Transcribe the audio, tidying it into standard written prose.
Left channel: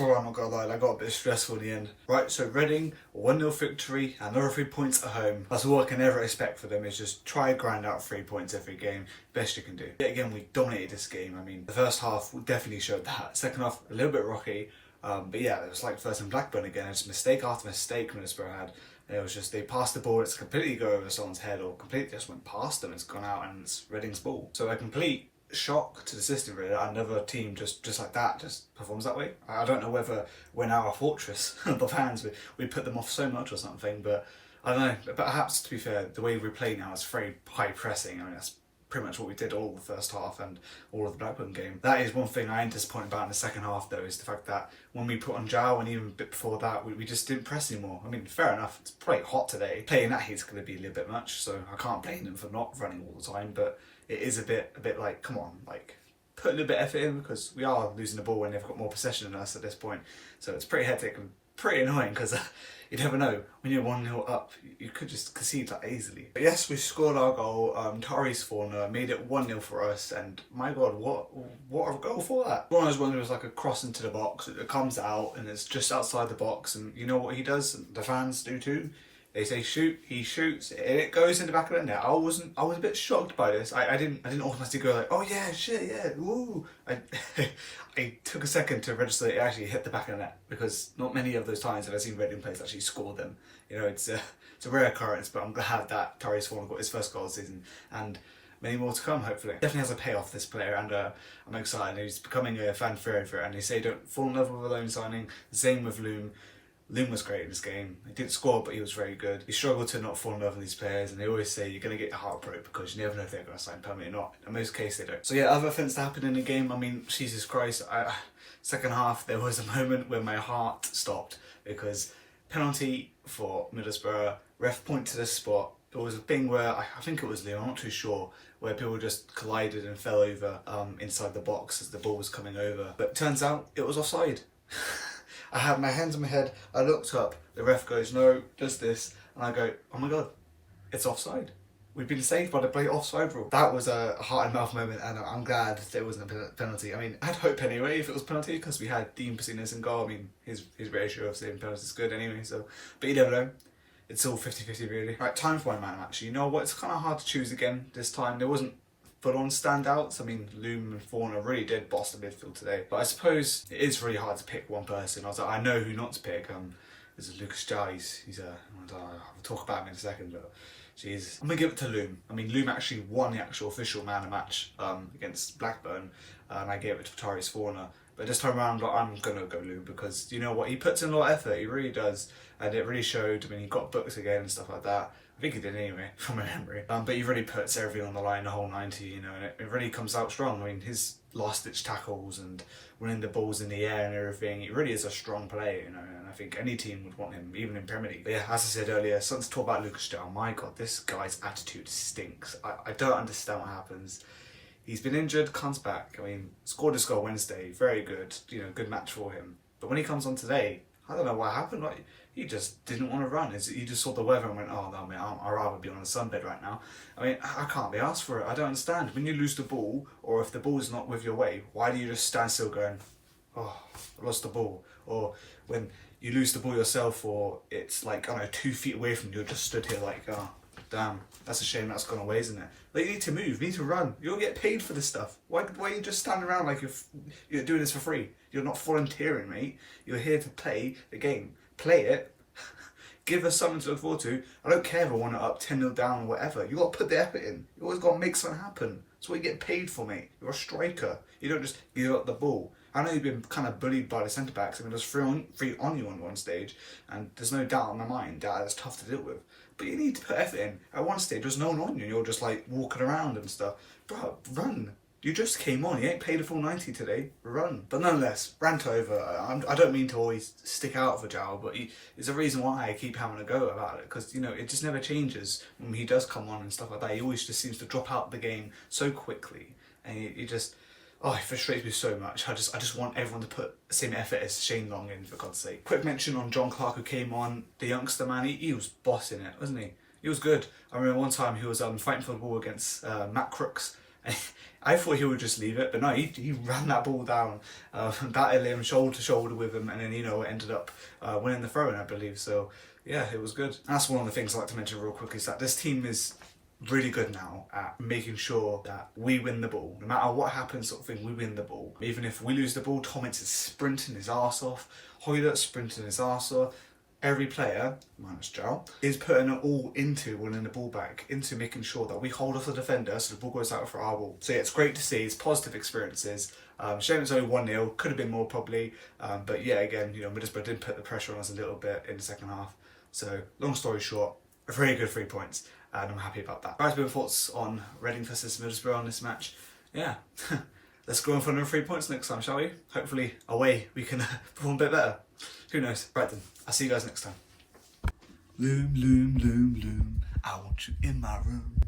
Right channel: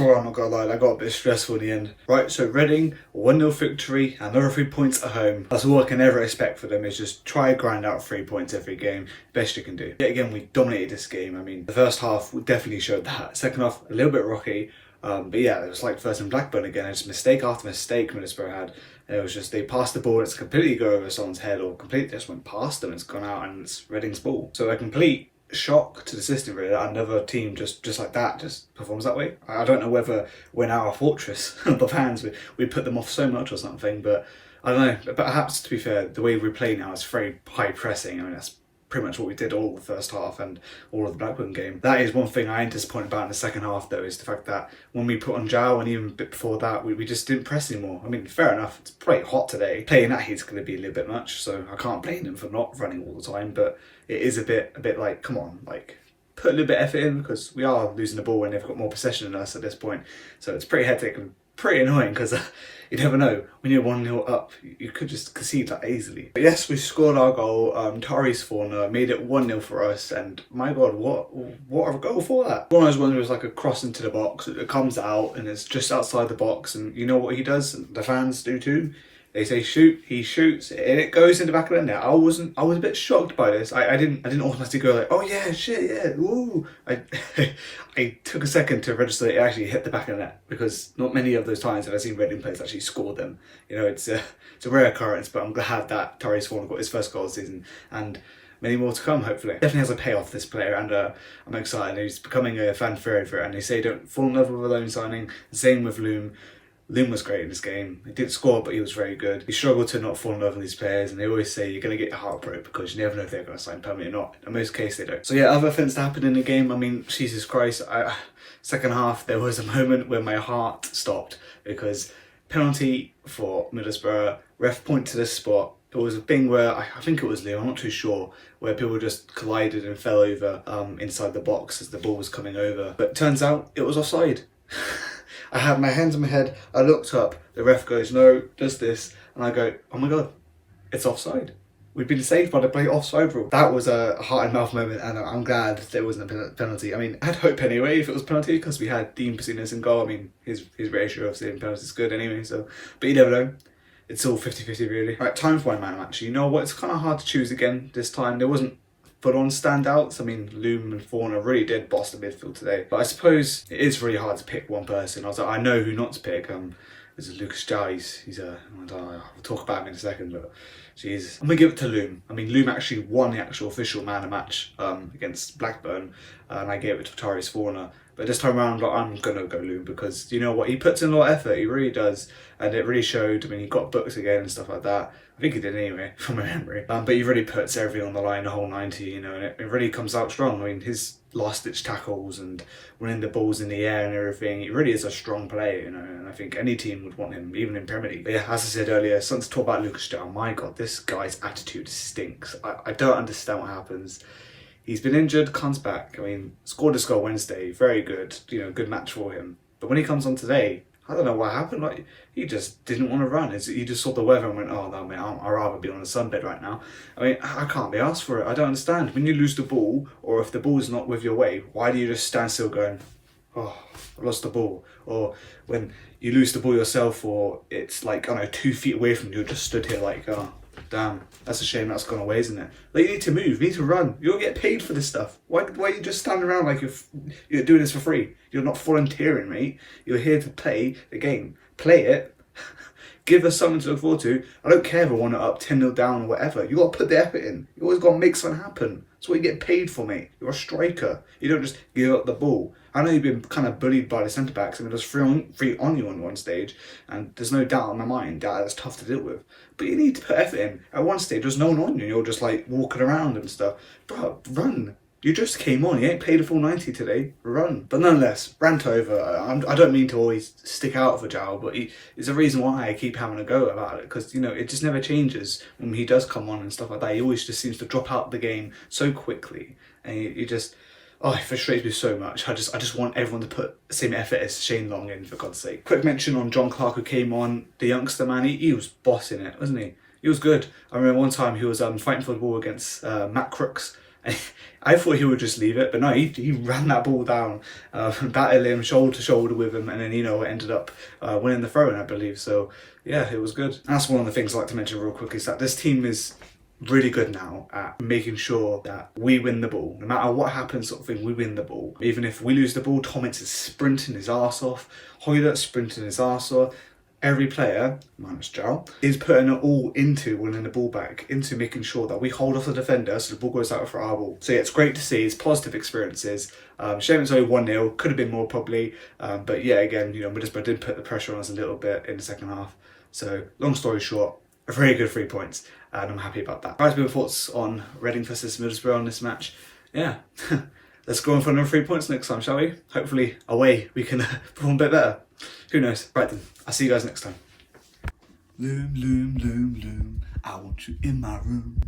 swore, I'm not gonna lie, that got a bit stressful in the end. Right, so Reading, 1-0 victory, another 3 points at home. That's all I can ever expect for them, is just try and grind out 3 points every game, best you can do. Yet again, we dominated this game. I mean, the first half definitely showed that. Second half, a little bit rocky, but yeah, it was like first in Blackburn again. It's mistake after mistake Middlesbrough had. And it was just, they passed the ball, it's completely go over someone's head, or completely just went past them, it's gone out, and it's Reading's ball. So a complete shock to the system, really, that another team just like that just performs that way. I don't know whether we're now a fortress, the fans, we put them off so much or something, but I don't know. But perhaps, to be fair, the way we play now is very high pressing. I mean, that's pretty much what we did all the first half and all of the Blackburn game. That is one thing I am disappointed about in the second half, though, is the fact that when we put on Zhao, and even a bit before that, we just didn't press anymore. I mean, fair enough, it's pretty hot today. Playing that heat's going to be a little bit much, so I can't blame them for not running all the time, but it is a bit like, come on, like, put a little bit of effort in, because we are losing the ball when they've got more possession than us at this point. So it's pretty hectic and pretty annoying, because you never know, when you're 1-0 up, you could just concede that easily. But yes, we scored our goal. Tari's Forner made it 1-0 for us, and my god, what a goal for that. One of those ones was like a cross into the box, it comes out and it's just outside the box, and you know what he does, and the fans do too. They say shoot, he shoots, and it goes in the back of the net. I was a bit shocked by this. I didn't automatically go like, oh yeah, shit, yeah, ooh. I took a second to register that it actually hit the back of the net, because not many of those times have I seen Reading players actually score them. You know, it's a rare occurrence, but I'm glad that Tari's Forner got his first goal of the season, and many more to come, hopefully. Definitely has a payoff, this player, and I'm excited. He's becoming a fan favourite, and they say don't fall in love with a loan signing. The same with Loom. Loom was great in this game. He didn't score, but he was very good. He struggled to not fall in love with these players, and they always say you're going to get your heart broke because you never know if they're going to sign permanently or not. In most cases, they don't. So yeah, other things that happened in the game, I mean, Jesus Christ, second half, there was a moment where my heart stopped, because penalty for Middlesbrough, ref point to this spot. It was a thing where, I think it was Leo, I'm not too sure, where people just collided and fell over inside the box as the ball was coming over. But turns out it was offside. I had my hands on my head, I looked up, the ref goes, no, does this, and I go, oh my god, it's offside. We've been saved by the play offside rule. That was a heart and mouth moment, and I'm glad there wasn't a penalty. I mean, I had hope anyway if it was penalty, because we had Dean Pacino's in goal. I mean, his ratio of saving penalties is good anyway, so, but you never know. It's all 50-50 really. Right, time for my man match. You know what, it's kind of hard to choose again this time. There wasn't full-on standouts. I mean, Loom and Forner really did boss the midfield today. But I suppose it is really hard to pick one person. I was like, I know who not to pick. This is Lucas Jai. I'll talk about him in a second, but jeez. I'm going to give it to Loom. I mean, Loom actually won the actual official man of match against Blackburn, and I gave it to Tari's Forner. But this time around, I'm going to go Loom, because you know what, he puts in a lot of effort, he really does, and it really showed. I mean, he got books again and stuff like that. I think he did anyway, from my memory. But he really puts everything on the line, the whole 90, you know, and it really comes out strong. I mean, his last-ditch tackles and winning the balls in the air and everything, he really is a strong player, you know, and I think any team would want him, even in Premier League. But yeah, as I said earlier, something to talk about Lucas Jao. My God, this guy's attitude stinks. I don't understand what happens. He's been injured, comes back. I mean, scored his goal Wednesday, very good, you know, good match for him. But when he comes on today, I don't know what happened. Like, he just didn't want to run. He just saw the weather and went, oh no, man, I'd rather be on a sunbed right now. I mean, I can't be asked for it. I don't understand. When you lose the ball, or if the ball's not with your way, why do you just stand still going, oh, I lost the ball? Or when you lose the ball yourself, or it's like, I don't know, 2 feet away from you, you're just stood here like, oh, damn, that's a shame that's gone away, isn't it? Like, you need to move, you need to run. You'll get paid for this stuff. Why are you just standing around like you're doing this for free? You're not volunteering, mate. You're here to play the game. Play it. Give us something to look forward to. I don't care if we're 1-0 up, 10-0 down, or whatever. You got to put the effort in. You always got to make something happen. That's what you get paid for, mate. You're a striker. You don't just give up the ball. I know you've been kind of bullied by the centre-backs. I mean, there's three on you on one stage, and there's no doubt in my mind that it's tough to deal with. But you need to put effort in. At one stage, there's no one on you. You're just like walking around and stuff. Bro, run. You just came on. You ain't played a full 90 today. Run. But nonetheless, rant over. I don't mean to always stick out for Zhao, but it's a reason why I keep having a go about it. Because, you know, it just never changes when he does come on and stuff like that. He always just seems to drop out the game so quickly. And he just... Oh, it frustrates me so much. I just want everyone to put the same effort as Shane Long in, for God's sake. Quick mention on John Clark, who came on, the youngster, man. He was bossing it, wasn't he? He was good. I remember one time he was fighting for the ball against Matt Crooks, I thought he would just leave it, but no, he ran that ball down, battled him shoulder to shoulder with him, and then, you know, ended up winning the throw-in, I believe. So yeah, it was good. And that's one of the things I'd like to mention real quick, is that this team is really good now at making sure that we win the ball. No matter what happens, sort of thing, we win the ball. Even if we lose the ball, Thomas is sprinting his arse off, Hoylett sprinting his arse off. Every player, minus Joe, is putting it all into winning the ball back, into making sure that we hold off the defender so the ball goes out for our ball. So yeah, it's great to see. It's positive experiences. Shame it's only 1-0. Could have been more probably. But yeah, again, you know, Middlesbrough did put the pressure on us a little bit in the second half. So long story short, a very good 3 points. And I'm happy about that. Guys, your thoughts on Reading versus Middlesbrough on this match? Yeah. Let's go on for another 3 points next time, shall we? Hopefully, away, we can perform a bit better. Who knows? Right then, I'll see you guys next time. Loom, loom, loom, loom, I want you in my room.